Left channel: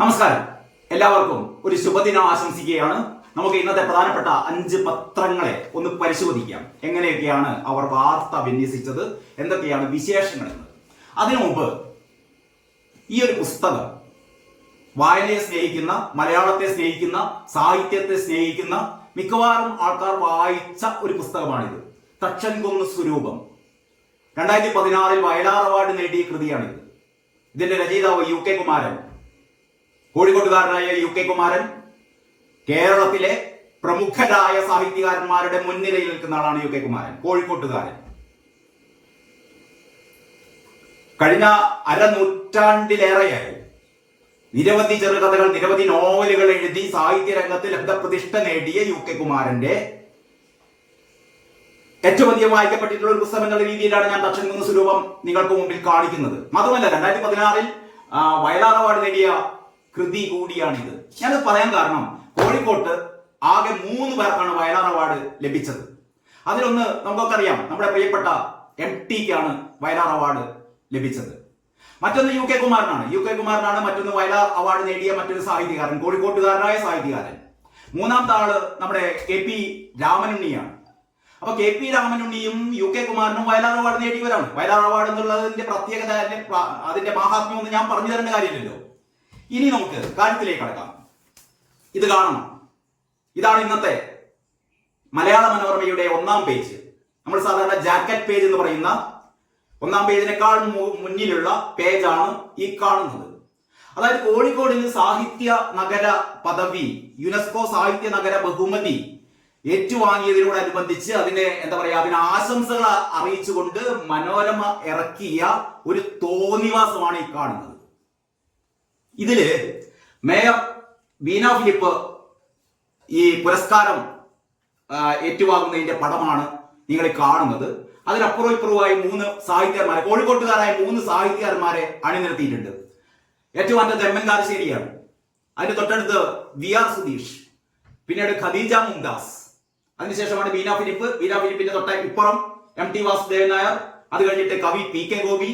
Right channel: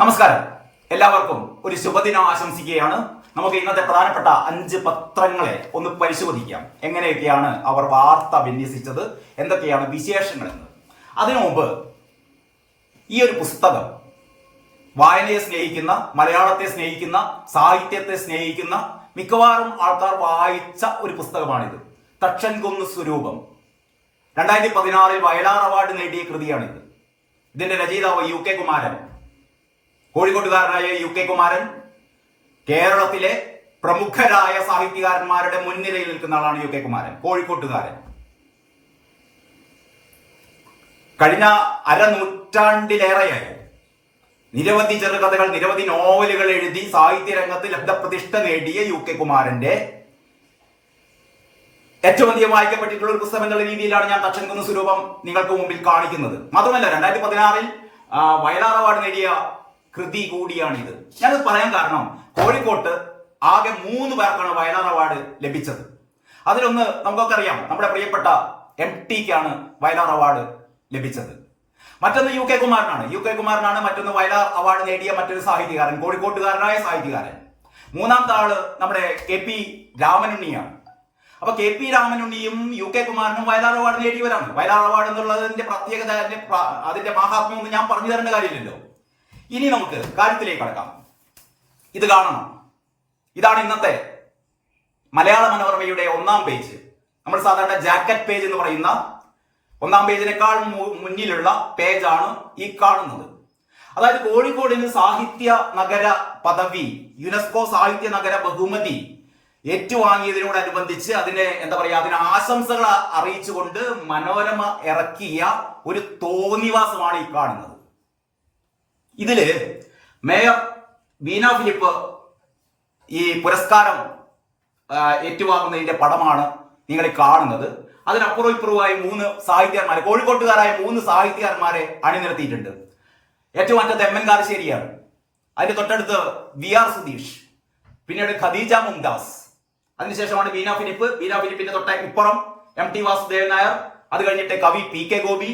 നമസ്കാരം, എല്ലാവർക്കും ഒരു ശുഭദിനം ആശംസിക്കുകയാണ്. നമുക്ക് ഇന്നത്തെ പ്രധാനപ്പെട്ട 5 പത്രങ്ങളെ ഒന്ന് പരിശോധിക്കാം. എങ്ങനെയൊക്കെയാണ് അവർ വാർത്ത വിന്യസിച്ചത്, എന്തൊക്കെയാണ് വിശേഷങ്ങളെന്ന്. അതിനു മുമ്പ് ഈ ഒരു പുസ്തകം വായനയെ സ്നേഹിക്കുന്ന, മലയാളത്തെ സ്നേഹിക്കുന്ന, സാഹിത്യത്തെ സ്നേഹിക്കുന്ന മിക്കവാറും ആൾക്കാർ വായിച്ച ഒരു പുസ്തകമാണിത്. തക്ഷൻകുന്ന് സ്വരൂപം 2016 വയലാർ അവാർഡ് നേടിയ കൃതിയാണിത്. ഇതിന്റെ രചയിതാവ് UK കുമാരൻ, കോഴിക്കോട്ടുകാരനായ UK കുമാരൻ കേരളത്തിലെ പ്രമുഖരായ സാഹിത്യകാരന്മാരുടെ മുൻനിരയിൽ നിൽക്കുന്ന ആളാണ് UK കുമാരൻ, കോഴിക്കോട്ടുകാരൻ. കഴിഞ്ഞ അരനൂറ്റാണ്ടിലേറെയായി നിരവധി ചെറുകഥകൾ, നിരവധി നോവലുകൾ എഴുതി സാഹിത്യരംഗത്ത് ലബ്ധപ്രതിഷ്ഠ നേടിയ UK കുമാരന്റെ ഏറ്റവും അധികം വായിക്കപ്പെട്ടിട്ടുള്ള ഒരു പുസ്തകം എന്നുള്ള രീതിയിലാണ് ഞാൻ തക്ഷൻകുന്ന് സ്വരൂപം നിങ്ങൾക്ക് മുമ്പിൽ കാണിക്കുന്നത്. മാത്രമല്ല 2016 വയലാർ അവാർഡ് നേടിയ കൃതി കൂടിയാണിത്. ഞാനത് പറയാൻ കാരണം, കോഴിക്കോട്ട് ആകെ 3 പേർക്കാണ് വയലാർ അവാർഡ് ലഭിച്ചത്. അതിലൊന്ന് നമുക്കൊക്കെ അറിയാം, നമ്മുടെ പ്രിയപ്പെട്ട MTക്കാണ് വയലാർ അവാർഡ് ലഭിച്ചത്. മറ്റൊന്ന് UK കുമാരനാണ്. മറ്റൊന്ന് വയലാർ അവാർഡ് നേടിയ മറ്റൊരു സാഹിത്യകാരൻ, കോഴിക്കോട്ടുകാരനായ സാഹിത്യകാരൻ. മൂന്നാമത്തെ ആള് നമ്മുടെ KP രാമനുണ്ണിയാണ്. അപ്പൊ KP രാമനുണ്ണിയും UK കുമാരനും വയലാർ അവാർഡ് നേടിയവരാണ്. വയലാർ അവാർഡ് എന്നുള്ളതിന്റെ പ്രത്യേകത, അതിന്റെ മാഹാത്മ്യം ഒന്നും ഞാൻ പറഞ്ഞു തരേണ്ട കാര്യമില്ലല്ലോ. ഇനി നമുക്ക് കാര്യത്തിലേക്ക് കടക്കാം. ഇത് കാണണം. ഇതാണ് ഇന്നത്തെ മലയാള മനോരമയുടെ 1-ാം പേജ്. നമ്മൾ സാധാരണ ജാക്കറ്റ് പേജ് എന്ന് പറയുന്ന 1-ാം പേജിനേക്കാൾ മുന്നിലുള്ള പേജാണ് ഈ കാണുന്നത്. അതായത് കോഴിക്കോടിന് സാഹിത്യ നഗര പദവി, യുനെസ്കോ സാഹിത്യ നഗര ബഹുമതി ഏറ്റുവാങ്ങിയതിനോടനുബന്ധിച്ച് അതിനെ അതിന് ആശംസകൾ അറിയിച്ചുകൊണ്ട് മനോരമ ഇറക്കിയ ഒരു തോന്നിവാസമാണ് ഈ കാണുന്നത്. ഇതില് മേയർ ബീന ഫിലിപ്പ് ഈ പുരസ്കാരം ഏറ്റുവാങ്ങുന്നതിന്റെ പടമാണ് നിങ്ങൾ കാണുന്നത്. അതിനപ്പുറവും ഇപ്പുറവുമായി 3 സാഹിത്യകാരന്മാരെ, കോഴിക്കോട്ടുകാരായ 3 സാഹിത്യകാരന്മാരെ അണിനിരത്തിയിട്ടുണ്ട്. ഏറ്റവും അറ്റത്ത് MN കാരശ്ശേരിയാണ്. അതിന്റെ തൊട്ടടുത്ത് VR സുധീഷ്, പിന്നീട് ഖദീജ മുംതാസ്, അതിനുശേഷമാണ് ബീന ഫിലിപ്പിന്റെ തൊട്ട ഇപ്പുറം MT വാസുദേവൻ നായർ, അത് കഴിഞ്ഞിട്ട് കവി PK ഗോപി,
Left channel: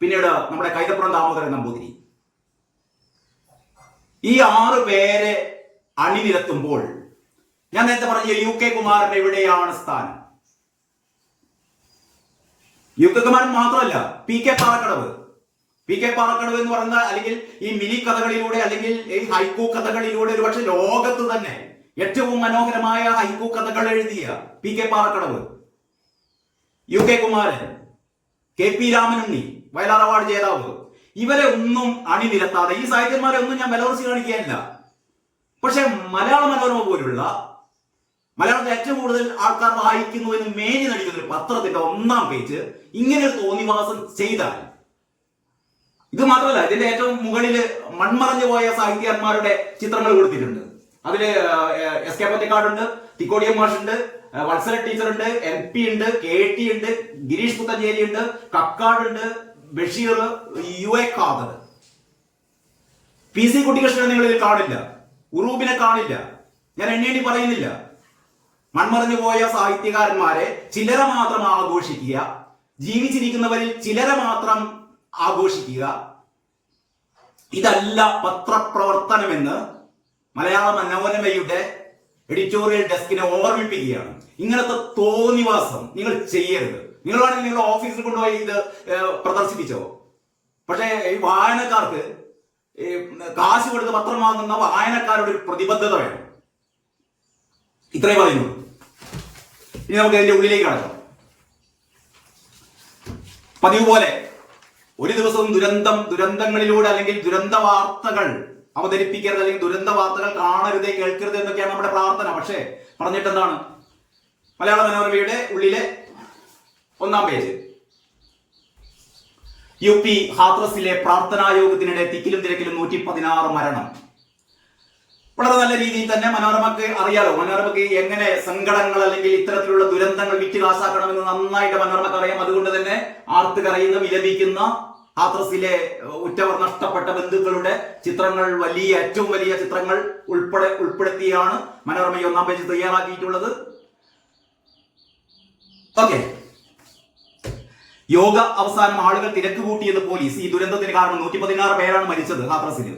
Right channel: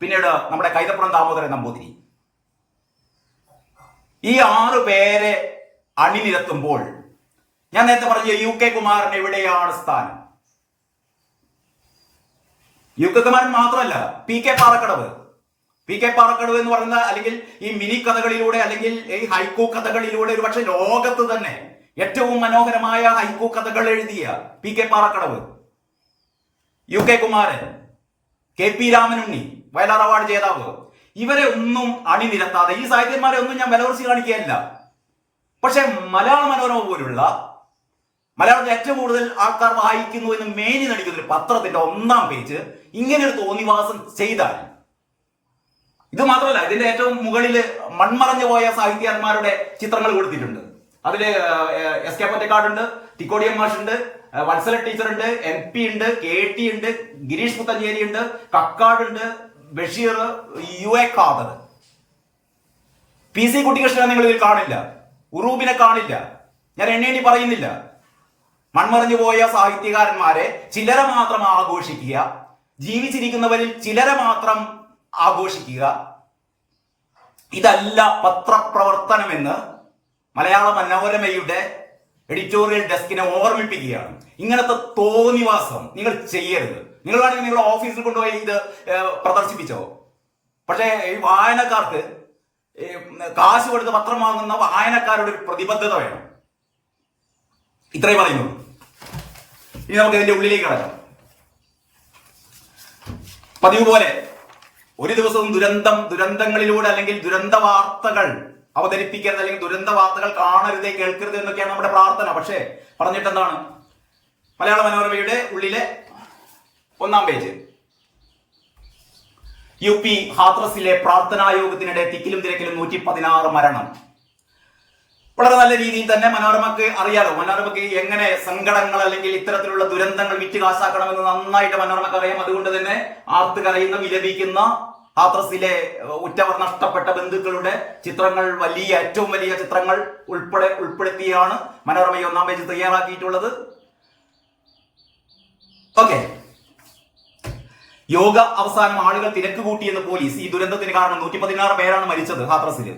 പിന്നീട് നമ്മുടെ കൈതപ്പുറം ദാമോദരൻ നമ്പൂതിരി. ഈ 6 പേരെ അണിനിരത്തുമ്പോൾ ഞാൻ നേരത്തെ പറഞ്ഞ UK കുമാരൻ എവിടെയാണ് സ്ഥാനം? UK കുമാരൻ മാത്രമല്ല, PK പാറക്കടവ് എന്ന് പറയുന്ന, അല്ലെങ്കിൽ ഈ മിനി കഥകളിലൂടെ, അല്ലെങ്കിൽ ഈ ഹൈക്കു കഥകളിലൂടെ ഒരുപക്ഷെ ലോകത്ത് തന്നെ ഏറ്റവും മനോഹരമായ ഹൈക്കു കഥകൾ എഴുതിയ PK Parakkadavu, UK Kumaran, KP Ramanunni, Vayalar award ജേതാവ്, ഇവരെ ഒന്നും അണിനിരത്താതെ, ഈ സാഹിത്യന്മാരെ ഒന്നും ഞാൻ വിലകുറച്ച് കാണിക്കുകയല്ല, പക്ഷെ മലയാള മനോരമ പോലുള്ള മലയാളത്തിൽ ഏറ്റവും കൂടുതൽ ആൾക്കാർ വായിക്കുന്നുവെന്ന് മേനി നടിക്കുന്ന ഒരു പത്രത്തിന്റെ 1-ാം പേജ് ഇങ്ങനെ ഒരു തോന്നിവാസം ചെയ്താൽ, ഇത് മാത്രമല്ല, ഇതിന്റെ ഏറ്റവും മുകളിൽ മൺമറഞ്ഞു പോയ സാഹിത്യന്മാരുടെ ചിത്രങ്ങൾ കൊടുത്തിട്ടുണ്ട്. അതില് SK പൊറ്റക്കാടുണ്ട്, തിക്കോടിയം മാഷുണ്ട്, വത്സല ടീച്ചറുണ്ട്, MP ഉണ്ട്, KT ഉണ്ട്, ഗിരീഷ് പുത്തഞ്ചേരി ഉണ്ട്, കക്കാടുണ്ട്, ബഷീർ, UA ഖാദർ. PC കുട്ടികൃഷ്ണനെ നിങ്ങൾ ഇതിൽ കാണില്ല, ഉറൂബിനെ കാണില്ല. ഞാൻ എണ്ണി പറയുന്നില്ല. മൺമറഞ്ഞു പോയ സാഹിത്യകാരന്മാരെ ചിലര മാത്രം ആഘോഷിക്കുക, ജീവിച്ചിരിക്കുന്നവരിൽ ചിലര മാത്രം ആഘോഷിക്കുക, ഇതല്ല പത്രപ്രവർത്തനമെന്ന് മലയാള മനോരമയുടെ എഡിറ്റോറിയൽ ഡെസ്കിനെ ഓർമ്മിപ്പിക്കുകയാണ്. ഇങ്ങനത്തെ തോന്നിവാസം നിങ്ങൾ ചെയ്യരുത്. നിങ്ങൾ വേണമെങ്കിൽ നിങ്ങളുടെ ഓഫീസിൽ കൊണ്ടുപോയി ഇത് പ്രദർശിപ്പിച്ചോ. പക്ഷേ ഈ വായനക്കാർക്ക്, കാശ് കൊടുത്ത് പത്രം വാങ്ങുന്ന വായനക്കാരുടെ ഒരു പ്രതിബദ്ധത വേണം. ഇത്രയും പറയുന്നുള്ളൂ. ഇനി നമുക്ക് ഇതിന്റെ ഉള്ളിലേക്ക് കടക്കാം. പതിവ് പോലെ ഒരു ദിവസവും ദുരന്തങ്ങളിലൂടെ, അല്ലെങ്കിൽ ദുരന്ത വാർത്തകൾ അവതരിപ്പിക്കരുത്, അല്ലെങ്കിൽ ദുരന്ത വാർത്തകൾ കാണരുത്, കേൾക്കരുത് എന്നൊക്കെയാണ് നമ്മുടെ പ്രാർത്ഥന. പക്ഷേ പറഞ്ഞിട്ടെന്താണ്? മലയാള മനോരമയുടെ ഉള്ളിലെ 1-ാം പേജ്, UP ഹാത്രസിലെ പ്രാർത്ഥനാ യോഗത്തിനിടെ തിക്കിലും തിരക്കിലും 116 മരണം. വളരെ നല്ല രീതിയിൽ തന്നെ മനോരമക്ക് അറിയാലോ. മനോരമക്ക് എങ്ങനെ സങ്കടങ്ങൾ, അല്ലെങ്കിൽ ഇത്തരത്തിലുള്ള ദുരന്തങ്ങൾ വിറ്റ് കാശാക്കണമെന്ന് നന്നായിട്ട് മനോരമക്ക് അറിയാം. അതുകൊണ്ട് തന്നെ ആർത്ത് കരയുന്ന, വിലപിക്കുന്ന ഹാത്രസിലെ ഉറ്റവർ, നഷ്ടപ്പെട്ട ബന്ധുക്കളുടെ ചിത്രങ്ങൾ, ഏറ്റവും വലിയ ചിത്രങ്ങൾ ഉൾപ്പെടുത്തിയാണ് മനോരമ 1-ാം പേജ് തയ്യാറാക്കിയിട്ടുള്ളത്. ഓക്കെ, യോഗ അവസാനം ആളുകൾ തിരക്ക് കൂട്ടിയെന്ന് പോലീസ്. ഈ ദുരന്തത്തിന് കാരണം 116 പേരാണ് മരിച്ചത് ഹാത്രസിൽ.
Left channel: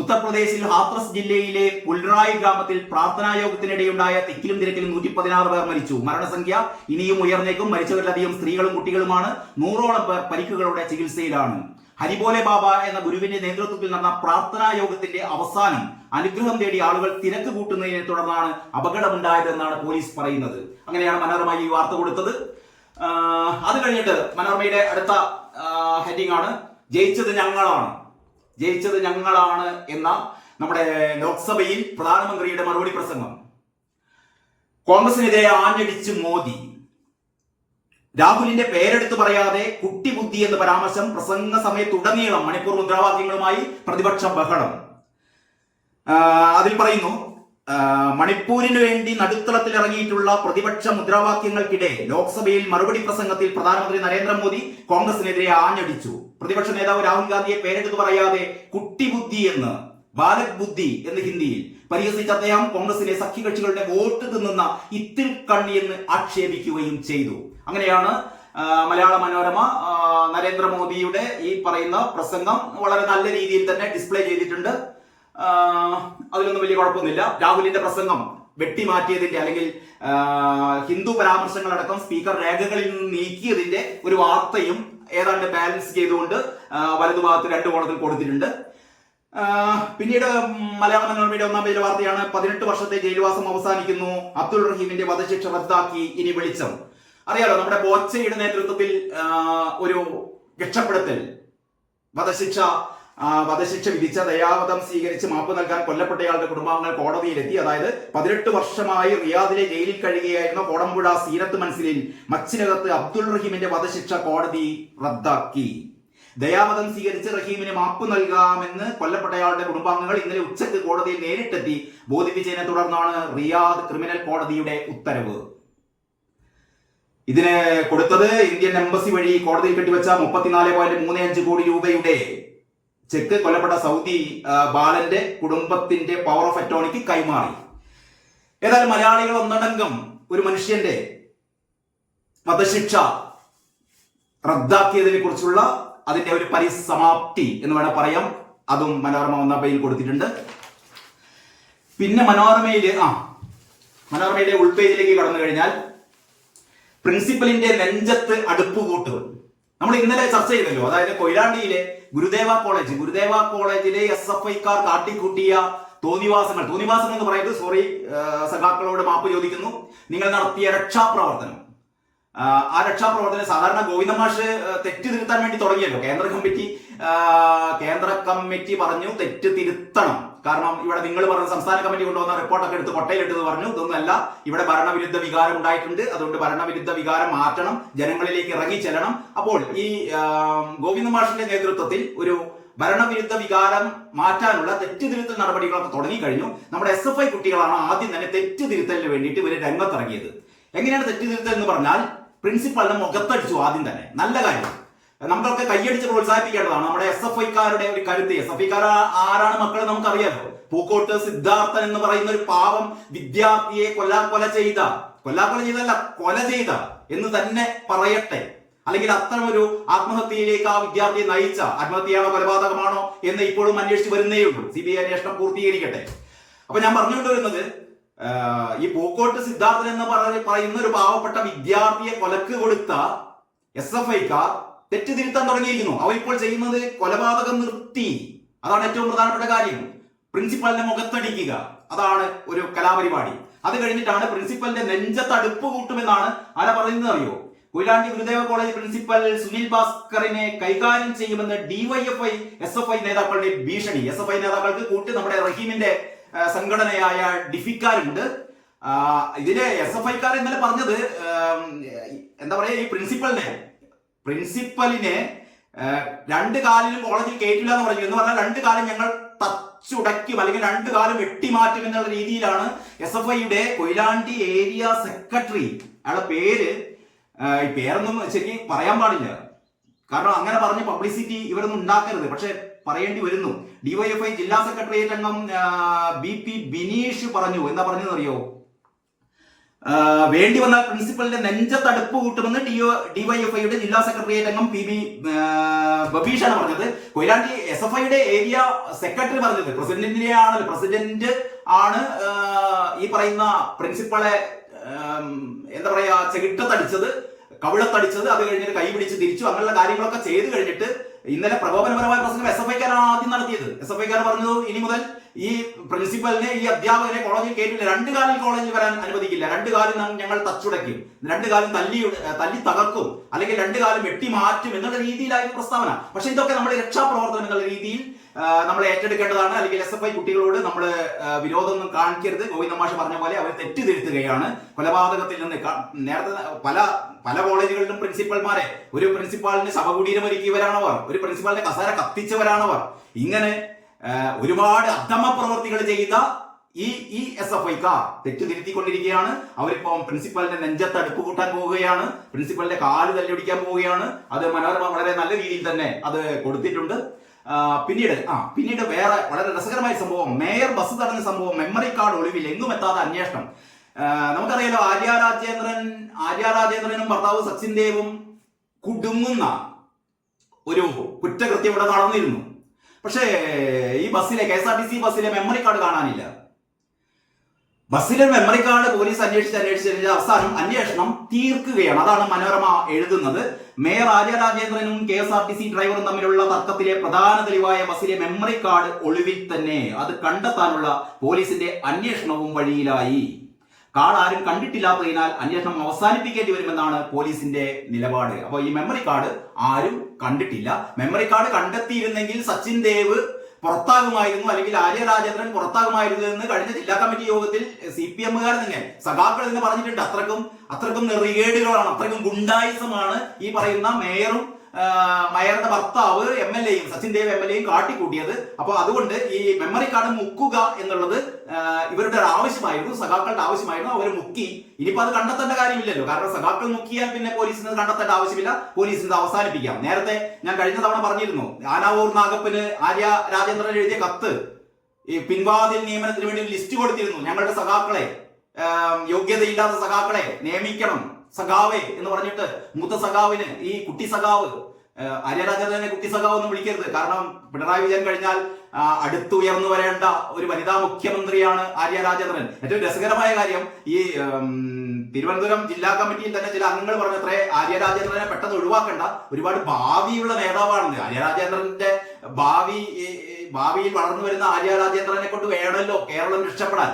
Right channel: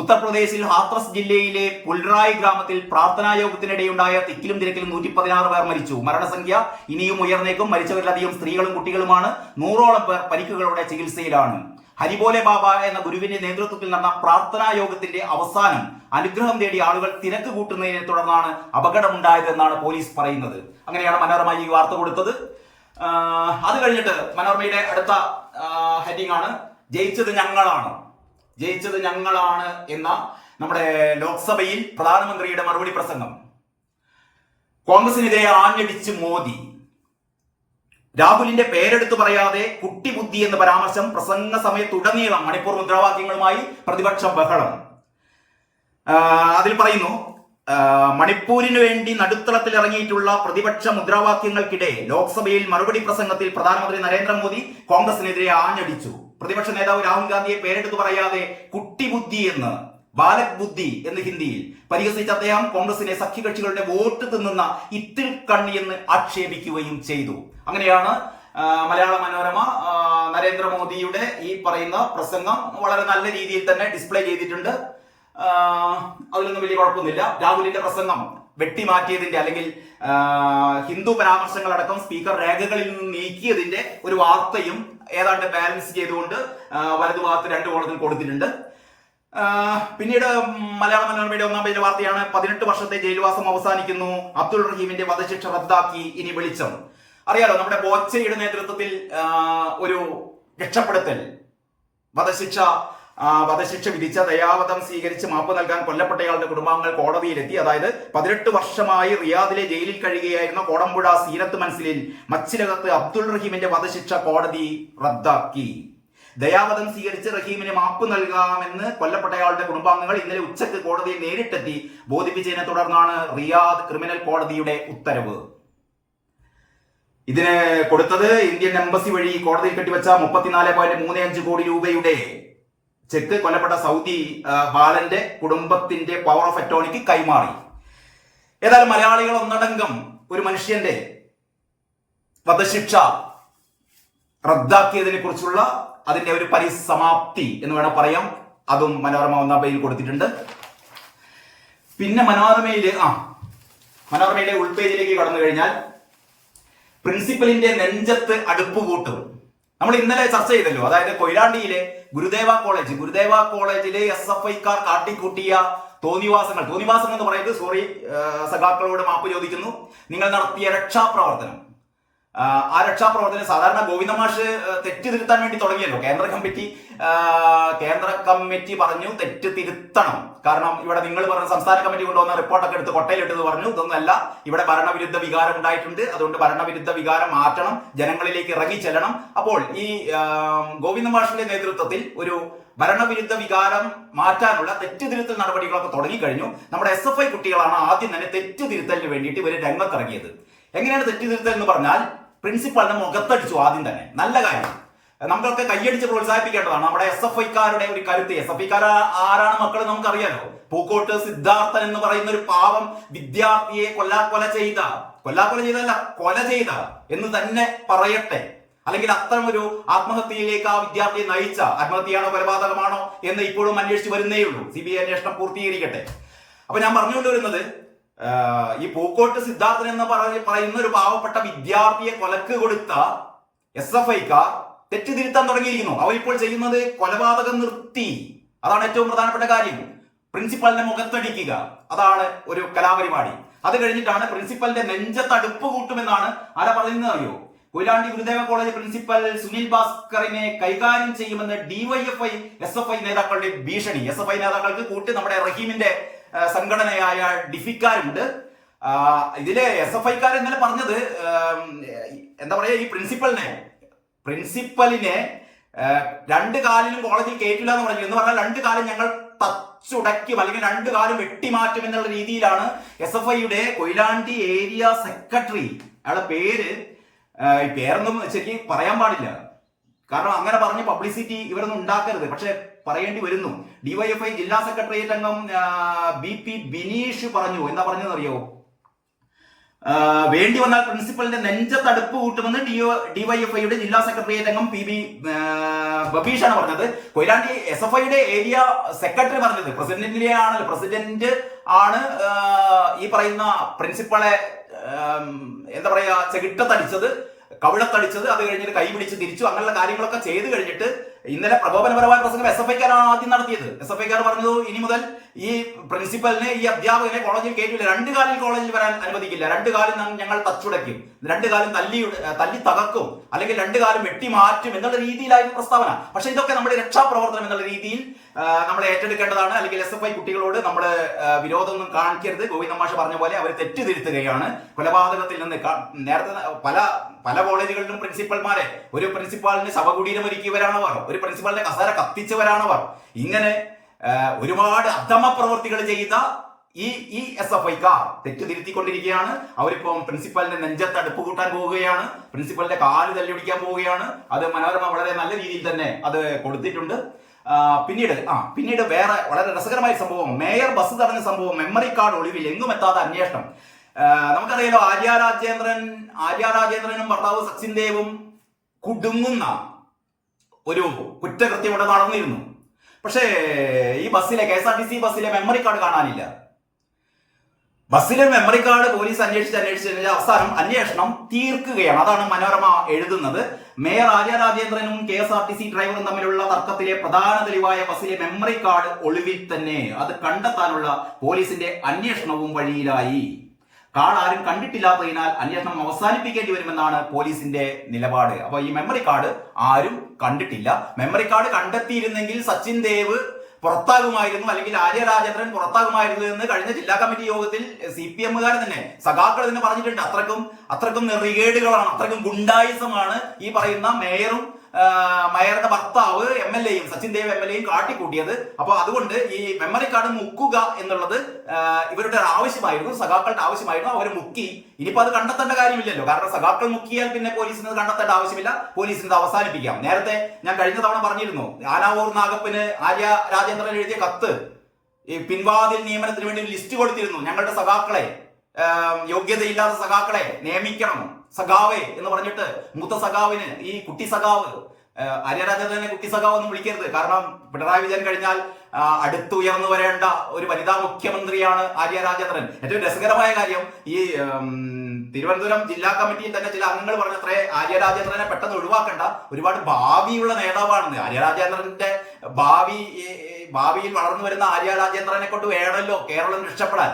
ഉത്തർപ്രദേശിൽ ഹാത്രസ് ജില്ലയിലെ പുൽറായ് ഗ്രാമത്തിൽ പ്രാർത്ഥനാ യോഗത്തിനിടെയുണ്ടായ തിക്കിലും തിരക്കിലും 116 പേർ മരിച്ചു. മരണസംഖ്യ ഇനിയും ഉയർന്നേക്കും. മരിച്ചവരിലധികം സ്ത്രീകളും കുട്ടികളുമാണ്. 100ഓളം പേർ പരിക്കുകളോടെ ചികിത്സയിലാണ്. ഹരിബോലെ ബാബ എന്ന ഗുരുവിന്റെ നേതൃത്വത്തിൽ നടന്ന പ്രാർത്ഥനാ യോഗത്തിന്റെ അവസാനം അനുഗ്രഹം തേടി ആളുകൾ തിരക്ക് കൂട്ടുന്നതിനെ തുടർന്നാണ് അപകടമുണ്ടായതെന്നാണ് പോലീസ് പറയുന്നത്. അങ്ങനെയാണ് മനോരമ ഈ വാർത്ത കൊടുത്തത്. അത് കഴിഞ്ഞിട്ട് മനോരമയുടെ അടുത്ത ഹെഡിംഗ് ആണ് ജയിച്ചത് ഞങ്ങളാണ്. ജയിച്ചത് ഞങ്ങളാണ് എന്ന നമ്മുടെ ലോക്സഭയിൽ പ്രധാനമന്ത്രിയുടെ മറുപടി പ്രസംഗം. കോൺഗ്രസിനെതിരെ ആഞ്ഞടിച്ച് മോദി. രാഹുലിന്റെ പേരെടുത്തു പറയാതെ കുട്ടിബുദ്ധി എന്ന പരാമർശം. പ്രസംഗ സമയത്തുടനീളം മണിപ്പൂർ മുദ്രാവാക്യങ്ങളുമായി പ്രതിപക്ഷം ബഹളം. അതിൽ പറയുന്നു, മണിപ്പൂരിന് വേണ്ടി നടുത്തളത്തിൽ ഇറങ്ങിയിട്ടുള്ള പ്രതിപക്ഷ മുദ്രാവാക്യങ്ങൾക്കിടെ ലോക്സഭയിൽ മറുപടി പ്രസംഗത്തിൽ പ്രധാനമന്ത്രി നരേന്ദ്രമോദി കോൺഗ്രസിനെതിരെ ആഞ്ഞടിച്ചു. പ്രതിപക്ഷ നേതാവ് രാഹുൽ ഗാന്ധിയെ പേരെടുത്തു പറയാതെ കുട്ടിബുദ്ധി എന്ന്, ബാലക് ബുദ്ധി എന്ന് ഹിന്ദിയിൽ പരിഹസിച്ച അദ്ദേഹം കോൺഗ്രസിലെ സഖ്യകക്ഷികളുടെ വോട്ട് തിന്നുന്ന ഇത്തിൽ കണ്ണി എന്ന് ആക്ഷേപിക്കുകയും ചെയ്തു. അങ്ങനെയാണ് മലയാള മനോരമ നരേന്ദ്രമോദിയുടെ ഈ പറയുന്ന പ്രസംഗം വളരെ നല്ല രീതിയിൽ തന്നെ ഡിസ്പ്ലേ ചെയ്തിട്ടുണ്ട്. അതിലൊന്നും വലിയ കുഴപ്പമൊന്നുമില്ല. രാഹുലിന്റെ പ്രസംഗം വെട്ടിമാറ്റിയതിന്റെ അല്ലെങ്കിൽ ഹിന്ദു പരാമർശങ്ങളടക്കം സ്പീക്കർ രേഖകളിൽ നിന്ന് നീക്കിയതിന്റെ ഒരു വാർത്തയും ഏതാണ്ട് ബാലൻസ് ചെയ്തുകൊണ്ട് വലതുഭാഗത്ത് 2 കോളത്തിൽ കൊടുത്തിട്ടുണ്ട്. പിന്നീട് മലയാള മനോരമയുടെ 1-ാം പേജിലെ വാർത്തയാണ് 18 വർഷത്തെ ജയിൽവാസം അവസാനിക്കുന്നു. അബ്ദുൾ റഹീമിന്റെ വധശിക്ഷ റദ്ദാക്കി, ഇനി വെളിച്ചം. അറിയാലോ, നമ്മുടെ ബോച്ചയുടെ നേതൃത്വത്തിൽ ഒരു രക്ഷപ്പെടുത്തൽ വധശിക്ഷ വിധിച്ച ദയാവധം സ്വീകരിച്ച് മാപ്പ് നൽകാൻ കൊല്ലപ്പെട്ടയാളുടെ കുടുംബാംഗങ്ങൾ കോടതിയിലെത്തി. അതായത് 18 വർഷമായി റിയാദിലെ ജയിലിൽ കഴിയുകയായിരുന്ന കോടമ്പുഴ സീനത്ത് മൻസിലിൽ മച്ചിനകത്ത് അബ്ദുൾ റഹീമിന്റെ വധശിക്ഷ കോടതി റദ്ദാക്കി. ദയാവധം സ്വീകരിച്ച് റഹീമിന് മാപ്പ് നൽകാമെന്ന് കൊല്ലപ്പെട്ടയാളുടെ കുടുംബാംഗങ്ങൾ ഇന്നലെ ഉച്ചയ്ക്ക് കോടതിയിൽ നേരിട്ടെത്തി ബോധിപ്പിച്ചതിനെ തുടർന്നാണ് റിയാദ് ക്രിമിനൽ കോടതിയുടെ ഉത്തരവ്. ഇതിന് കൊടുത്തത് ഇന്ത്യൻ എംബസി വഴി കോടതിയിൽ കെട്ടിവെച്ച 34.35 കോടി രൂപയുടെ ചെക്ക് കൊല്ലപ്പെട്ട സൗദി ബാലന്റെ കുടുംബത്തിന്റെ പവർ ഓഫ് അറ്റോർണിക്ക് കൈമാറി. ഏതായാലും മലയാളികൾ ഒന്നടങ്കം ഒരു മനുഷ്യന്റെ വധശിക്ഷ റദ്ദാക്കിയതിനെ കുറിച്ചുള്ള അതിന്റെ ഒരു പരിസമാപ്തി എന്ന് വേണം പറയാം. അതും മനോരമ 1-ാം പേജിൽ കൊടുത്തിട്ടുണ്ട്. പിന്നെ മനോരമയുടെ ഉൾപേജിലേക്ക് കടന്നു കഴിഞ്ഞാൽ പ്രിൻസിപ്പലിന്റെ നെഞ്ചത്ത് അടുപ്പ് കൂട്ടും. നമ്മൾ ഇന്നലെ ചർച്ച ചെയ്തല്ലോ, അതായത് കൊയിലാണ്ടിയിലെ ഗുരുദേവ കോളേജിലെ SFIക്കാർ കാട്ടിക്കൂട്ടിയ തോന്നിവാസങ്ങൾ എന്ന് പറയുന്നത്, സഖാക്കളോട് മാപ്പ് ചോദിക്കുന്നു. നിങ്ങൾ നടത്തിയ രക്ഷാപ്രവർത്തനം, ആ രക്ഷാപ്രവർത്തനം സാധാരണ ഗോവിന്ദ മാഷ് തെറ്റ് തിരുത്താൻ വേണ്ടി തുടങ്ങിയല്ലോ. കേന്ദ്ര കമ്മിറ്റി പറഞ്ഞു തെറ്റ് തിരുത്തണം. കാരണം ഇവിടെ നിങ്ങൾ പറഞ്ഞ സംസ്ഥാന കമ്മിറ്റി കൊണ്ടുവന്ന റിപ്പോർട്ടൊക്കെ എടുത്ത് കൊട്ടയിലിട്ടത് പറഞ്ഞു. ഇതൊന്നല്ല, ഇവിടെ ഭരണവിരുദ്ധ വികാരം ഉണ്ടായിട്ടുണ്ട്, അതുകൊണ്ട് ഭരണവിരുദ്ധ വികാരം മാറ്റണം, ജനങ്ങളിലേക്ക് ഇറങ്ങി ചെല്ലണം. അപ്പോൾ ഈ ഗോവിന്ദ മാഷിന്റെ നേതൃത്വത്തിൽ ഒരു ഭരണവിരുദ്ധ വികാരം മാറ്റാനുള്ള തെറ്റ് തിരുത്തൽ നടപടികളൊക്കെ തുടങ്ങിക്കഴിഞ്ഞു. നമ്മുടെ SFI കുട്ടികളാണ് ആദ്യം തന്നെ തെറ്റ് തിരുത്തലിന് വേണ്ടിയിട്ട് ഇവർ രംഗത്തിറങ്ങിയത്. എങ്ങനെയാണ് തെറ്റ് തിരുത്തൽ എന്ന് പറഞ്ഞാൽ, പ്രിൻസിപ്പലിനെ മുഖത്തടിച്ചു ആദ്യം തന്നെ. നല്ല കാര്യം, നമുക്കൊക്കെ കൈയടിച്ച് പ്രോത്സാഹിപ്പിക്കേണ്ടതാണ്. നമ്മുടെ SFIക്കാരുടെ ഒരു കരുത്ത്. SFIക്കാർ ആരാണ് മക്കൾ നമുക്കറിയാലോ. പൂക്കോട്ട് സിദ്ധാർത്ഥൻ എന്ന് പറയുന്ന ഒരു പാവം വിദ്യാർത്ഥിയെ കൊല ചെയ്ത എന്ന് തന്നെ പറയട്ടെ. അല്ലെങ്കിൽ അത്തരം ഒരു ആത്മഹത്യയിലേക്ക് ആ വിദ്യാർത്ഥിയെ നയിച്ച, ആത്മഹത്യയാണോ കൊലപാതകമാണോ എന്ന് ഇപ്പോഴും അന്വേഷിച്ച് വരുന്നേ ഉള്ളൂ. CBI അന്വേഷണം പൂർത്തീകരിക്കട്ടെ. അപ്പൊ ഞാൻ പറഞ്ഞുകൊണ്ടുവരുന്നത്, ഈ പൂക്കോട്ട് സിദ്ധാർത്ഥൻ എന്ന് പറയുന്ന ഒരു പാവപ്പെട്ട വിദ്യാർത്ഥിയെ കൊലക്ക് കൊടുത്ത SFIക്കാർ തെറ്റ് തിരുത്താൻ തുടങ്ങിയിരിക്കുന്നു. അവരിപ്പോൾ ചെയ്യുന്നത് കൊലപാതകം നിർത്തി. അതാണ് ഏറ്റവും പ്രധാനപ്പെട്ട കാര്യം. പ്രിൻസിപ്പലിനെ മുഖത്തടിക്കുക, അതാണ് ഒരു കലാപരിപാടി. അത് കഴിഞ്ഞിട്ടാണ് പ്രിൻസിപ്പലിന്റെ നെഞ്ചത്ത് അടുപ്പ് കൂട്ടുമെന്നാണ് ആരാ പറയുന്നത് അറിയോ? കൊയിലാണ്ടി ഗുരുദേവ കോളേജ് പ്രിൻസിപ്പൽ സുനിൽ ഭാസ്കറിനെ കൈകാര്യം ചെയ്യുമെന്ന് DYFI SFI നേതാക്കളുടെ ഭീഷണി. SFI നേതാക്കൾക്ക് കൂട്ടി നമ്മുടെ റഹീമിന്റെ സംഘടനയായ ഡിഫിക്കാരുണ്ട്. ഇതിലെ SFIക്കാർ ഇന്നലെ പറഞ്ഞത് എന്താ പറയാ, ഈ പ്രിൻസിപ്പലിനെ 2 കാലിലും കോളേജിൽ കയറ്റില്ല എന്ന് പറഞ്ഞു. എന്ന് പറഞ്ഞാൽ 2 കാലം ഞങ്ങൾ തച്ചുടയ്ക്കും, അല്ലെങ്കിൽ 2 കാലം വെട്ടിമാറ്റും എന്നുള്ള രീതിയിലാണ് SFIയുടെ കൊയിലാണ്ടി ഏരിയ സെക്രട്ടറി, അയാളുടെ പേരൊന്നും ശരിക്കും പറയാൻ പാടില്ല, കാരണം അങ്ങനെ പറഞ്ഞ പബ്ലിസിറ്റി ഇവരൊന്നും ഉണ്ടാക്കരുത്, പക്ഷെ പറയേണ്ടി വരുന്നു. DYFI ജില്ലാ സെക്രട്ടേറിയറ്റ് അംഗം BP ബിനീഷ് പറഞ്ഞു. എന്താ പറഞ്ഞതെന്നറിയോ? വേണ്ടി വന്നാൽ പ്രിൻസിപ്പലിന്റെ നെഞ്ചത്തടുപ്പ് കൂട്ടുമെന്ന് ഡിവൈഎഫ്ഐയുടെ ജില്ലാ സെക്രട്ടേറിയറ്റ് അംഗം PB ബബീഷാണ് പറഞ്ഞത്. കൊയിലാണ്ടി SFIയുടെ ഏരിയ സെക്രട്ടറി പറഞ്ഞത് പ്രസിഡന്റ് ആണ് ഈ പറയുന്ന പ്രിൻസിപ്പളെ എന്താ പറയാ ചെകിട്ടത്തടിച്ചത്, കവിളത്തടിച്ചത്, അത് കഴിഞ്ഞിട്ട് കൈ പിടിച്ച് തിരിച്ചു, അങ്ങനെയുള്ള കാര്യങ്ങളൊക്കെ ചെയ്തു കഴിഞ്ഞിട്ട് ഇന്നലെ പ്രകോപനപരമായ പ്രസംഗം SFIക്കാരാണ് ആദ്യം നടത്തിയത്. SFIക്കാർ പറഞ്ഞത് ഇനി മുതൽ ഈ പ്രിൻസിപ്പലിനെ, ഈ അധ്യാപകനെ കോളേജിൽ കയറ്റില്ല, 2 കാലിൽ കോളേജിൽ വരാൻ അനുവദിക്കില്ല, 2 കാലും ഞങ്ങൾ തച്ചുടയ്ക്കും, 2 കാലും തല്ലി തകർക്കും, അല്ലെങ്കിൽ 2 കാലും വെട്ടി മാറ്റും എന്നുള്ള രീതിയിലായിരുന്നു പ്രസ്താവന. പക്ഷെ ഇതൊക്കെ നമ്മൾ രക്ഷാപ്രവർത്തനം എന്നുള്ള രീതിയിൽ നമ്മൾ ഏറ്റെടുക്കേണ്ടതാണ്. അല്ലെങ്കിൽ SFI കുട്ടികളോട് നമ്മൾ വിരോധമൊന്നും കാണിക്കരുത്. ഗോവിന്ദ മാഷ് പറഞ്ഞ പോലെ അവർ തെറ്റുതിരുത്തുകയാണ്. കൊലപാതകത്തിൽ നിന്ന് നേരത്തെ പല കോളേജുകളിലും പ്രിൻസിപ്പൽമാരെ, ഒരു പ്രിൻസിപ്പാളിന് ശവകുടീരം ഒരുക്കിയവരാണവർ, ഒരു പ്രിൻസിപ്പാളിന്റെ കസേര കത്തിച്ചവരാണവർ. ഇങ്ങനെ ഒരുപാട് അധമ പ്രവർത്തികൾ ചെയ്ത ഈ SFIക്കാർ തെറ്റുതിരുത്തിക്കൊണ്ടിരിക്കുകയാണ്. അവരിപ്പം പ്രിൻസിപ്പലിന്റെ നെഞ്ചത്ത് അടുപ്പ് കൂട്ടാൻ പോവുകയാണ്, പ്രിൻസിപ്പലിന്റെ കാല് തല്ലിയൊടിക്കാൻ പോവുകയാണ്. അത് മനോരമ വളരെ നല്ല രീതിയിൽ തന്നെ അത് കൊടുത്തിട്ടുണ്ട്. പിന്നീട് വേറെ വളരെ രസകരമായ സംഭവം, മേയർ ബസ് തടഞ്ഞ സംഭവം, മെമ്മറി കാർഡ് ഒളിവിൽ എങ്ങുമെത്താത്ത അന്വേഷണം. നമുക്കറിയാലോ, ആര്യ രാജേന്ദ്രനും ഭർത്താവ് സച്ചിൻ ദേവും കുടുങ്ങുന്ന ഒരു കുറ്റകൃത്യം ഇവിടെ നടന്നിരുന്നു. പക്ഷേ ഈ ബസ്സിലെ KSRTC ബസ്സിലെ മെമ്മറി കാർഡ് കാണാനില്ല. ബസ്സിലെ മെമ്മറി കാർഡ് പോലീസ് അന്വേഷിച്ച് അവസാനം അന്വേഷണം തീർക്കുകയാണ്. അതാണ് മനോരമ എഴുതുന്നത്. മേയർ ആര്യ രാജേന്ദ്രനും KSRTC ഡ്രൈവറും തമ്മിലുള്ള തർക്കത്തിലെ പ്രധാന തെളിവായ ബസ്സിലെ മെമ്മറി കാർഡ് ഒളിവിൽ തന്നെ. അത് കണ്ടെത്താനുള്ള പോലീസിന്റെ അന്വേഷണവും വഴിയിലായി. കാർഡ് ആരും കണ്ടിട്ടില്ലാത്തതിനാൽ അന്വേഷണം അവസാനിപ്പിക്കേണ്ടി വരുമെന്നാണ് പോലീസിന്റെ നിലപാട്. അപ്പൊ ഈ മെമ്മറി കാർഡ് ആരും കണ്ടിട്ടില്ല. മെമ്മറി കാർഡ് കണ്ടെത്തിയിരുന്നെങ്കിൽ സച്ചിൻ ദേവ് പുറത്താകുമായിരുന്നു, അല്ലെങ്കിൽ ആര്യ രാജേന്ദ്രൻ പുറത്താകുമായിരുന്നു എന്ന് കഴിഞ്ഞ ജില്ലാ കമ്മിറ്റി യോഗത്തിൽ CPMകാർ തന്നെ, സഖാക്കൾ തന്നെ പറഞ്ഞിട്ടുണ്ട്. അത്രക്കും നെറികേടുകളാണ്, അത്രക്കും ഗുണ്ടായിസമാണ് ഈ പറയുന്ന മേയറുടെ ഭർത്താവ് MLAയും സച്ചിൻ ദേവ് MLAയും കാട്ടിക്കൂട്ടിയത്. അപ്പൊ അതുകൊണ്ട് ഈ മെമ്മറി കാർഡ് മുക്കുക എന്നുള്ളത് ഇവരുടെ ആവശ്യമായിരുന്നു, സഖാക്കളുടെ ആവശ്യമായിരുന്നു. അവർ മുക്കി. ഇനിയിപ്പോ അത് കണ്ടെത്തേണ്ട കാര്യമില്ലല്ലോ, കാരണം സഖാക്കൾ മുക്കിയാൽ പിന്നെ പോലീസിന് കണ്ടെത്തേണ്ട ആവശ്യമില്ല, പോലീസിന് അവസാനിപ്പിക്കാം. നേരത്തെ ഞാൻ കഴിഞ്ഞ തവണ പറഞ്ഞിരുന്നു, ആനാവൂർ നാഗപ്പന് ആര്യ രാജേന്ദ്രൻ എഴുതിയ കത്ത്, ഈ പിൻവാതിൽ നിയമനത്തിന് വേണ്ടി ലിസ്റ്റ് കൊടുത്തിരുന്നു. ഞങ്ങളുടെ സഖാക്കളെ, യോഗ്യതയില്ലാത്ത സഖാക്കളെ നിയമിക്കണം സഖാവേ എന്ന് പറഞ്ഞിട്ട്. മൂത്ത സഖാവിന്, ഈ കുട്ടി സഖാവ്, ആര്യ രാജേന്ദ്രനെ കുട്ടി സഖാവ് ഒന്നും വിളിക്കരുത്, കാരണം പിണറായി വിജയൻ കഴിഞ്ഞാൽ അടുത്തുയർന്നു വരേണ്ട ഒരു വനിതാ മുഖ്യമന്ത്രിയാണ് ആര്യ രാജേന്ദ്രൻ. ഏറ്റവും രസകരമായ കാര്യം, ഈ തിരുവനന്തപുരം ജില്ലാ കമ്മിറ്റിയിൽ തന്നെ ചില അംഗങ്ങൾ പറഞ്ഞത്രേ ആര്യ രാജേന്ദ്രനെ പെട്ടെന്ന് ഒഴിവാക്കണ്ട, ഒരുപാട് ഭാവിയുള്ള നേതാവാണെന്ന്. ആര്യ രാജേന്ദ്രന്റെ ഭാവിയിൽ വളർന്നു വരുന്ന ആര്യ രാജേന്ദ്രനെ കൊണ്ട് വേണമല്ലോ കേരളം രക്ഷപ്പെടാൻ.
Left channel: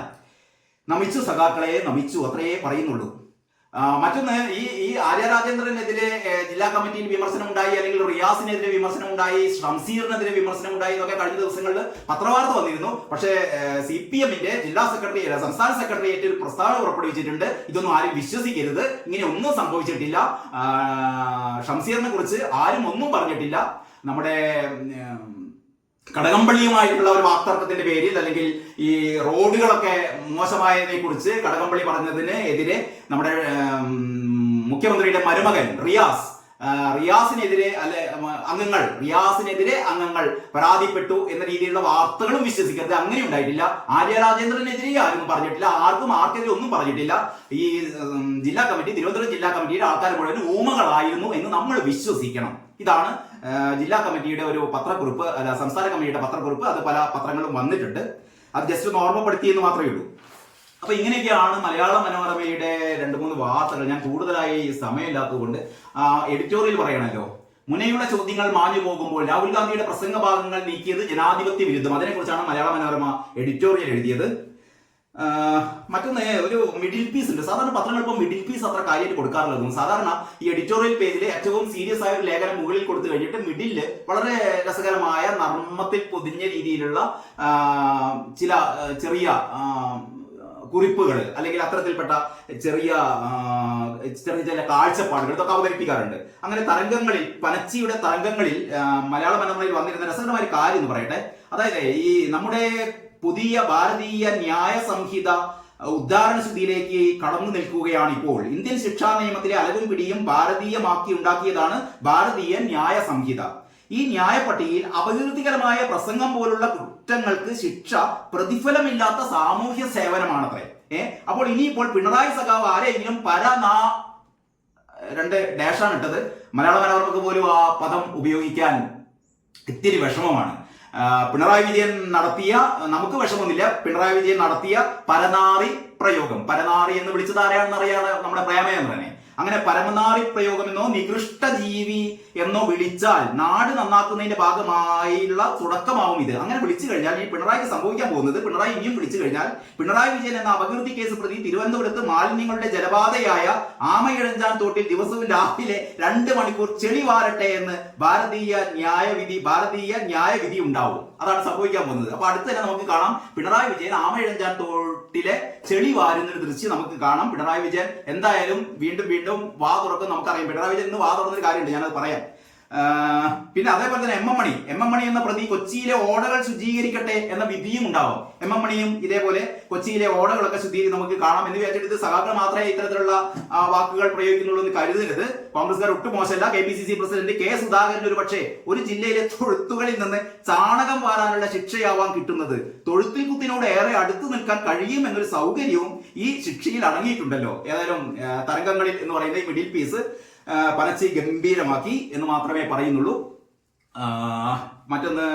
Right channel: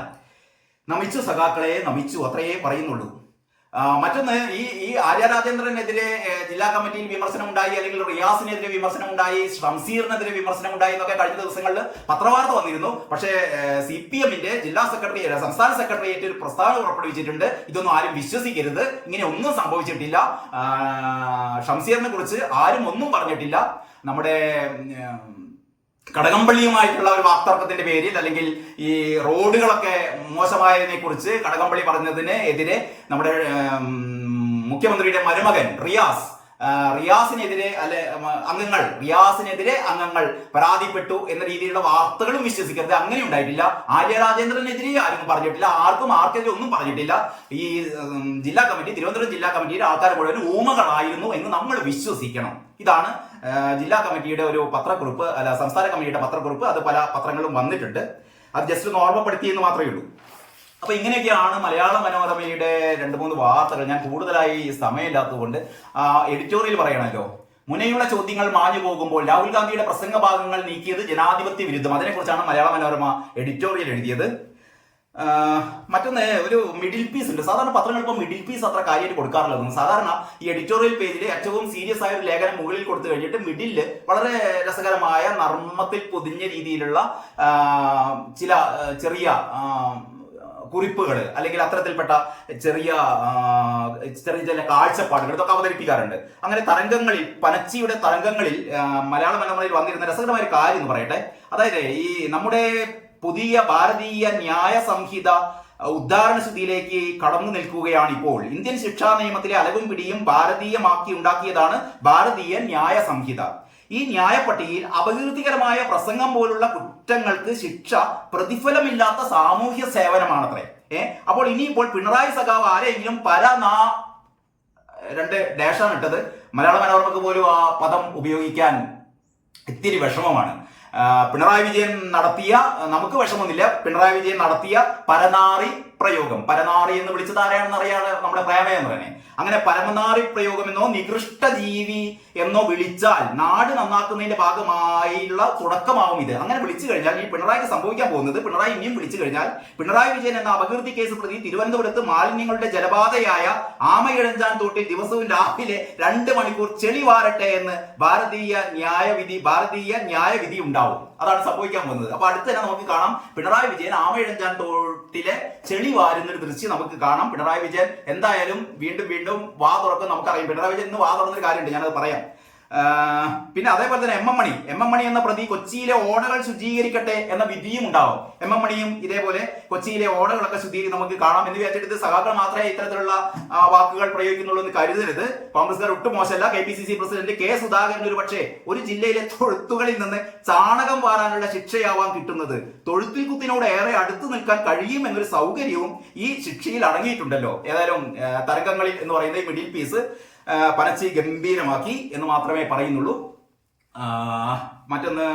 നമിച്ചു സഖാക്കളെ, നമിച്ചു, അത്രയേ പറയുന്നുള്ളൂ. മറ്റൊന്ന്, ഈ ആര്യ രാജേന്ദ്രനെതിരെ ജില്ലാ കമ്മിറ്റിയിൽ വിമർശനം ഉണ്ടായി, അല്ലെങ്കിൽ റിയാസിനെതിരെ വിമർശനം ഉണ്ടായി, ഷംസീറിനെതിരെ വിമർശനം ഉണ്ടായി എന്നൊക്കെ കഴിഞ്ഞ ദിവസങ്ങളിൽ പത്രവാർത്ത വന്നിരുന്നു. പക്ഷേ CPMന്റെ സംസ്ഥാന സെക്രട്ടേറിയറ്റ് ഒരു പ്രസ്താവന പുറപ്പെടുവിച്ചിട്ടുണ്ട്. ഇതൊന്നും ആരും വിശ്വസിക്കരുത്, ഇങ്ങനെ ഒന്നും സംഭവിച്ചിട്ടില്ല, ഷംസീറിനെ കുറിച്ച് ആരും ഒന്നും പറഞ്ഞിട്ടില്ല. നമ്മുടെ കടകംപള്ളിയുമായിട്ടുള്ള ഒരു വാക്തർക്കത്തിന്റെ പേരിൽ, അല്ലെങ്കിൽ ഈ റോഡുകളൊക്കെ മോശമായതിനെ കുറിച്ച് കടകംപള്ളി പറഞ്ഞതിന് എതിരെ നമ്മുടെ മുഖ്യമന്ത്രിയുടെ മരുമകൻ റിയാസിനെതിരെ അംഗങ്ങൾ പരാതിപ്പെട്ടു എന്ന രീതിയിലുള്ള വാർത്തകളും വിശ്വസിക്കരുത്. അങ്ങനെ ഉണ്ടായിട്ടില്ല. ആര്യ രാജേന്ദ്രനെതിരെ ആരും പറഞ്ഞിട്ടില്ല, ആർക്കെതിരെ ഒന്നും പറഞ്ഞിട്ടില്ല. ഈ തിരുവനന്തപുരം ജില്ലാ കമ്മിറ്റിയുടെ ആൾക്കാർ മുഴുവൻ ഊമകളായിരുന്നു എന്ന് നമ്മൾ വിശ്വസിക്കണം. ഇതാണ് ജില്ലാ കമ്മിറ്റിയുടെ ഒരു പത്രക്കുറിപ്പ്, സംസ്ഥാന കമ്മിറ്റിയുടെ പത്രക്കുറിപ്പ്. അത് പല പത്രങ്ങളും വന്നിട്ടുണ്ട്. അത് ജസ്റ്റ് ഒന്ന് ഓർമ്മപ്പെടുത്തിയെന്ന് മാത്രമേ ഉള്ളൂ. അപ്പൊ ഇങ്ങനെയൊക്കെയാണ് മലയാള മനോരമയുടെ 2-3 വാർത്തകൾ. ഞാൻ കൂടുതലായി സമയമില്ലാത്തതുകൊണ്ട് എഡിറ്റോറിയൽ പറയണല്ലോ. മുനയുള്ള ചോദ്യങ്ങൾ മാഞ്ഞു പോകുമ്പോൾ രാഹുൽ ഗാന്ധിയുടെ പ്രസംഗ ഭാഗങ്ങൾ നീക്കിയത് ജനാധിപത്യ വിരുദ്ധം. അതിനെക്കുറിച്ചാണ് മലയാള മനോരമ എഡിറ്റോറിയൽ എഴുതിയത്. മറ്റൊന്ന്, ഒരു മിഡിൽ പീസ് ഉണ്ട്. സാധാരണ പത്രങ്ങൾ ഇപ്പോൾ മിഡിൽ പീസ് അത്ര കാര്യമായിട്ട് കൊടുക്കാറുള്ളത്. സാധാരണ ഈ എഡിറ്റോറിയൽ പേജിൽ ഏറ്റവും സീരിയസ് ആയ ഒരു ലേഖനം മുകളിൽ കൊടുത്തു കഴിഞ്ഞിട്ട് മിഡിലില് വളരെ രസകരമായ നർമ്മത്തിൽ പൊതിഞ്ഞ രീതിയിലുള്ള ചില ചെറിയ കുറിപ്പുകൾ, അല്ലെങ്കിൽ അത്തരത്തിൽപ്പെട്ട ചെറിയ ചില കാഴ്ചപ്പാടുകൾ ഇതൊക്കെ അവതരിപ്പിക്കാറുണ്ട്. അങ്ങനെ തരംഗങ്ങളിൽ, പനച്ചിയുടെ തരംഗങ്ങളിൽ മലയാള മനോരമയിൽ വന്നിരുന്ന രസകരമായ ഒരു കാര്യം എന്ന് പറയട്ടെ. അതായത് ഈ നമ്മുടെ പുതിയ ഭാരതീയ ന്യായ സംഹിത ഉദ്ധാരണശുദ്ധിയിലേക്ക് കടന്നു നിൽക്കുകയാണ് ഇപ്പോൾ. ഇന്ത്യൻ ശിക്ഷാ നിയമത്തിലെ അലവും പിടിയും ഭാരതീയമാക്കി ഉണ്ടാക്കിയതാണ് ഭാരതീയ ന്യായ സംഹിത. ഈ ന്യായപ്പട്ടികയിൽ അപകീർത്തികരമായ പ്രസംഗം പോലുള്ള കുറ്റങ്ങൾക്ക് ശിക്ഷ പ്രതിഫലമില്ലാത്ത സാമൂഹ്യ സേവനമാണത്രേ. അപ്പോൾ ഇനിയിപ്പോൾ പിണറായി സഖാവ് ആരെങ്കിലും രണ്ട് ഡാഷാണ് ഇട്ടത്. മലയാള മനോരമക്ക് പോലും ആ പദം ഉപയോഗിക്കാൻ ഇത്തിരി വിഷമമാണ്. പിണറായി വിജയൻ നടത്തിയ, നമുക്ക് വിഷമമൊന്നുമില്ല, പിണറായി വിജയൻ നടത്തിയ പരനാറി പ്രയോഗം, പരനാറി എന്ന് വിളിച്ചത് ആരെയാണെന്ന് അറിയാതെ നമ്മുടെ പ്രേമയെന്ന് തന്നെ. അങ്ങനെ പരമനാറി പ്രയോഗമെന്നോ നികൃഷ്ട ജീവി എന്നോ വിളിച്ചാൽ നാട് നന്നാക്കുന്നതിന്റെ ഭാഗമായുള്ള തുടക്കമാവും ഇത്. അങ്ങനെ വിളിച്ചു കഴിഞ്ഞാൽ ഈ പിണറായിക്ക് സംഭവിക്കാൻ പോകുന്നത്, പിണറായി ഇനിയും വിളിച്ചു കഴിഞ്ഞാൽ പിണറായി വിജയൻ എന്ന അപകീർത്തി കേസ് പ്രതി തിരുവനന്തപുരത്ത് മാലിന്യങ്ങളുടെ ജലപാതയായ ആമയിഴഞ്ചാൻ തോട്ടിൽ ദിവസവും രാവിലെ 2 മണിക്കൂർ ചെളി വാരട്ടെ എന്ന് ഭാരതീയ ന്യായവിധി ഉണ്ടാവും. അതാണ് സംഭവിക്കാൻ പോകുന്നത്. അപ്പൊ അടുത്ത് തന്നെ നമുക്ക് കാണാം പിണറായി വിജയൻ ആമയിഴഞ്ചാൻ തോട്ടിലെ ചെളി വാരുന്ന ഒരു ദൃശ്യം നമുക്ക് കാണാം. പിണറായി വിജയൻ എന്തായാലും വീണ്ടും വാ തുറക്കും. നമുക്കറിയാം പിണറായി വിജയൻ ഇന്ന് വാ തുറന്നൊരു കാര്യമുണ്ട്, ഞാനത് പറയാം. പിന്നെ അതേപോലെ തന്നെ എം എം മണി എന്ന പ്രതി കൊച്ചിയിലെ ഓടകൾ ശുചീകരിക്കട്ടെ എന്ന വിധിയും ഉണ്ടാവും. എം എം മണിയും ഇതേപോലെ കൊച്ചിയിലെ ഓടകളൊക്കെ ശുചീകരിച്ച് നമുക്ക് കാണാം എന്ന് വിചാരിച്ചിട്ട് സഖാക്കൾ മാത്രമേ ഇത്തരത്തിലുള്ള വാക്കുകൾ പ്രയോഗിക്കുന്നുള്ളൂ എന്ന് കരുതരുത്. കോൺഗ്രസ്സുകാർ ഒട്ടും മോശമല്ല. KPCC പ്രസിഡന്റ് K സുധാകരൻ ഒരു പക്ഷേ ഒരു ജില്ലയിലെ തൊഴുത്തുകളിൽ നിന്ന് ചാണകം വാരാനുള്ള ശിക്ഷയാവാൻ കിട്ടുന്നത്. തൊഴുത്തിൽ കുത്തിനോട് ഏറെ അടുത്ത് നിൽക്കാൻ കഴിയും എന്നൊരു സൗകര്യവും ഈ ശിക്ഷയിൽ അടങ്ങിയിട്ടുണ്ടല്ലോ. ഏതായാലും തരംഗങ്ങളിൽ എന്ന് പറയുന്ന ഈ മിഡിൽ പീസ് പനച്ചി ഗംഭീരമാക്കി എന്ന് മാത്രമേ പറയുന്നുള്ളൂ. മറ്റൊന്ന്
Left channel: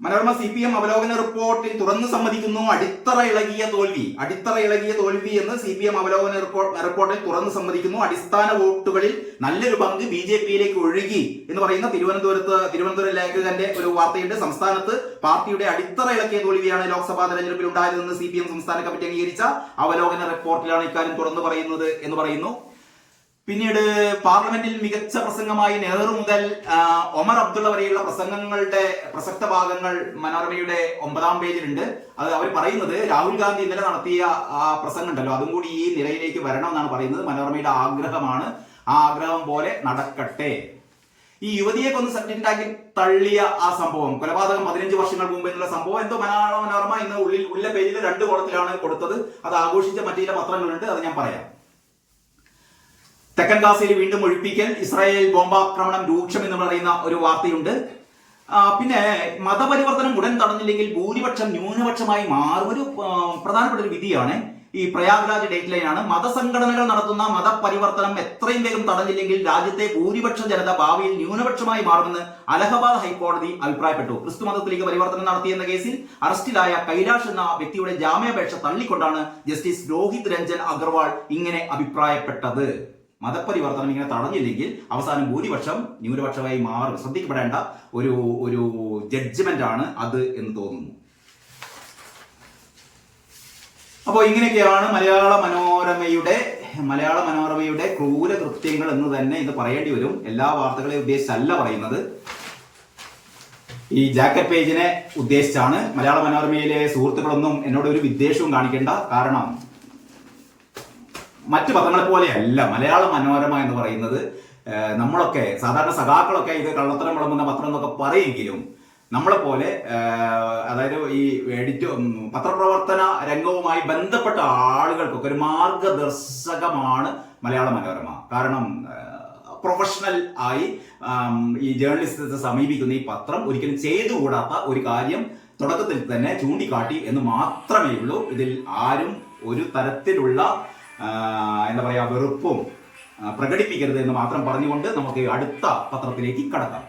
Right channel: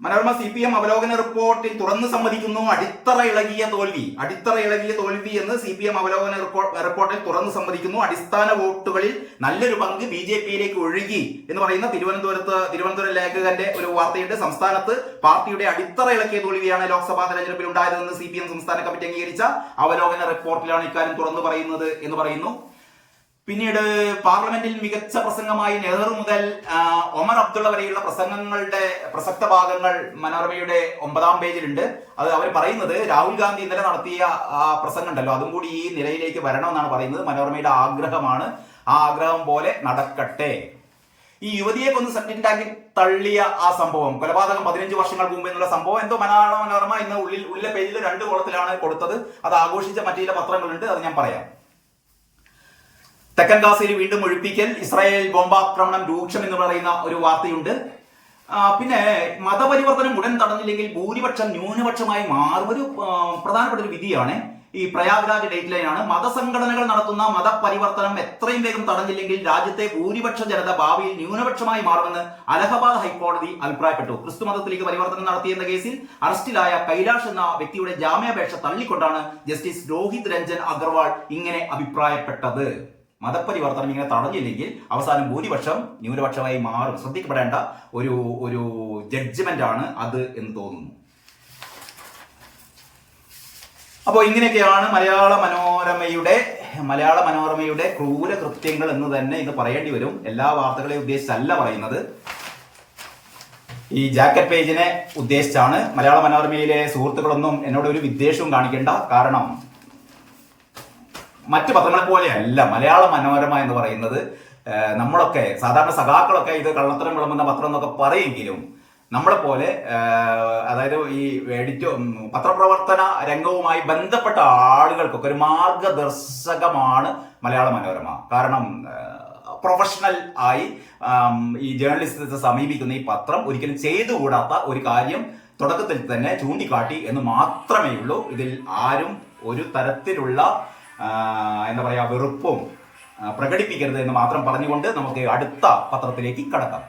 മനോരമ CPM അവലോകന റിപ്പോർട്ടിൽ തുറന്നു സമ്മതിക്കുന്നു അടിത്തറ ഇളകിയ തോൽവി എന്ന് CPM അവലോകന റിപ്പോർട്ടിൽ തുറന്നു സമ്മതിക്കുന്നു. അടിസ്ഥാന വോട്ടുകളിൽ നല്ലൊരു പങ്ക് BJPയിലേക്ക് ഒഴുകി എന്ന് പറയുന്ന തിരുവനന്തപുരം ലേഖകന്റെ ഒരു വാർത്തയുണ്ട്. സംസ്ഥാനത്ത് പാർട്ടിയുടെ അടിത്തറ ഇളക്കിയ തോൽവിയാണ് ലോക്സഭാ തെരഞ്ഞെടുപ്പിൽ ഉണ്ടായതെന്ന് CPM സംസ്ഥാന കമ്മിറ്റി അംഗീകരിച്ച അവലോകന റിപ്പോർട്ടിലാണ് ഇക്കാര്യം തുറന്നു പറയുന്നത് എന്ന് പറയുന്നു. പിന്നീട് പാർലമെന്റിൽ മികച്ച പ്രസംഗമായി നെഹ്റു മുതൽ ഒമർ അബ്ദുള്ള വരെയുള്ള പ്രസംഗങ്ങളുടെ പ്രസക്ത ഭാഗങ്ങൾ മനോരമയുടെ 9ാം പേജിലുണ്ട്. അത് അവർ പറയുന്നത് രാഹുൽ ഗാന്ധി ഇന്നലെ നടത്തിയ പ്രസംഗം ഉണ്ടല്ലോ, അതും കൂടി ഈ നിലയിലേക്ക് വരണമെന്നാണ് പറയുന്നത്. മനോരമയുടെ ആഗ്രഹമാണ്. ആ ആഗ്രഹം പോലെ നടക്കട്ടെ. ഈ യുവതിയെ കൊന്ന് സെപ്റ്റിക് ടാങ്കിൽ തള്ളിയ ആ സംഭവം, കൊലപാതകം 15 വർഷങ്ങൾക്ക് മുമ്പ് എന്നുള്ള സംഭവം എന്തോ മനോരമ ഇന്ന് ഉള്ളിലെ പേജിൽ 2 കോളത്തിലാണ് കൊടുത്തത്. അത് ആഘോഷിച്ച മറ്റു ചില പത്രങ്ങളുണ്ട്, അത് ഞാൻ പറയാം. തെക്കൻ ഗാസയിൽ വീണ്ടും ഒഴിപ്പിക്കൽ, ഇസ്രായേൽ ബോംബാക്രമണം രൂക്ഷം എന്ന് പറയുന്ന ഒരു വാർത്തയുണ്ട്. പിന്നെ മതപരിവർത്തനം ഉടൻ തടഞ്ഞില്ലെങ്കിൽ ഭൂരിപക്ഷം ന്യൂനപക്ഷമായി മാറും. ഒരു പ്രധാനപ്പെട്ട ഒരു വിധിയാണ്. ഈ പ്രയാഗ്രാജ് ഡേറ്റ് ലൈനാണ്. മതസംഘടനകൾ നടത്തുന്ന മതപരിവർത്തനം എത്രയും വേഗം തടഞ്ഞില്ലെങ്കിൽ രാജ്യത്തെ ഭൂരിപക്ഷ ജനത ഭാവിയിൽ ന്യൂനപക്ഷമായി മാറുമെന്ന് അലഹബാദ് ഹൈക്കോടതി അഭിപ്രായപ്പെട്ടു. ക്രിസ്തു മതത്തിലേക്ക് പരിവർത്തനം നടത്തിയെന്ന കേസിൽ അറസ്റ്റിലായ കൈലാഷ് എന്ന വ്യക്തിയുടെ ജാമ്യാപേക്ഷ തള്ളിക്കൊണ്ടാണ് ജസ്റ്റിസ് രോഹിത് രഞ്ജൻ അഗർവാൾ ഇങ്ങനെ അഭിപ്രായപ്പെട്ടത്. മതപരിവർത്തനം ഇങ്ങനെ തടഞ്ഞില്ലെങ്കിൽ അവസാനം ഭൂരിപക്ഷം ന്യൂനപക്ഷമായി മാറും. ശ്രദ്ധിക്കപ്പെടേണ്ട ഒരു ജഡ്ജ്മെന്റ് ആണ് അത് എന്ന് തോന്നുന്നു. അപ്പോൾ ഇങ്ങനെയൊക്കെയാണ് മലയാള മനോരമയുടെ ക്രൂര കൃത്യങ്ങൾ എന്ന് തന്നെ ഇത് പറയേണ്ടി വരും. എല്ലാ വാർത്തകളെ ഉദ്ദേശിച്ചല്ല പറയുന്നത്, ഈ ജാക്കറ്റ് പേജിനെ ഉദ്ദേശിച്ചാണ്. മലയാള മനോരമയിലെ സുഹൃത്തുക്കളൊന്നും എന്നോട് ഒരു വിദ്വേഷവും കാണിക്കേണ്ട. കാരണം മറ്റു പത്രങ്ങളെ പോലെയല്ല മലയാള മനോരമ എന്ന് പറയുന്നത്. നമ്മളൊക്കെ സാധാരണ സഖാക്കളൊക്കെ ഇത് കള്ളത്തരം വിളമ്പുന്ന പത്രം എന്നൊക്കെ പറയെങ്കിലും നമ്മളെപ്പോലെ അതായത് ഈ പത്രപ്രവർത്തന രംഗവുമായി ബന്ധപ്പെട്ട ആളുകൾക്കൊക്കെ ഒരു മാർഗദർശകമാണ് മലയാള മനോരമ. കാരണം പ്രൊഫഷണൽ ആയി ഈ ജേർണലിസത്തെ സമീപിക്കുന്ന ഈ പത്രം ഒരിക്കലും ചെയ്തുകൂടാത്ത ഒരു കാര്യം തുടക്കത്തിൽ തന്നെ ചൂണ്ടിക്കാട്ടി എന്ന് മാത്രമേ ഉള്ളൂ. ഇതിൽ ആരും ഒരു തരത്തിലുള്ള വെറുപ്പും പ്രകടിപ്പിക്കരുത് എന്ന് മാത്രം പറഞ്ഞുകൊണ്ട് നമുക്ക് അടുത്ത പത്രത്തിലേക്ക് കടക്കാം.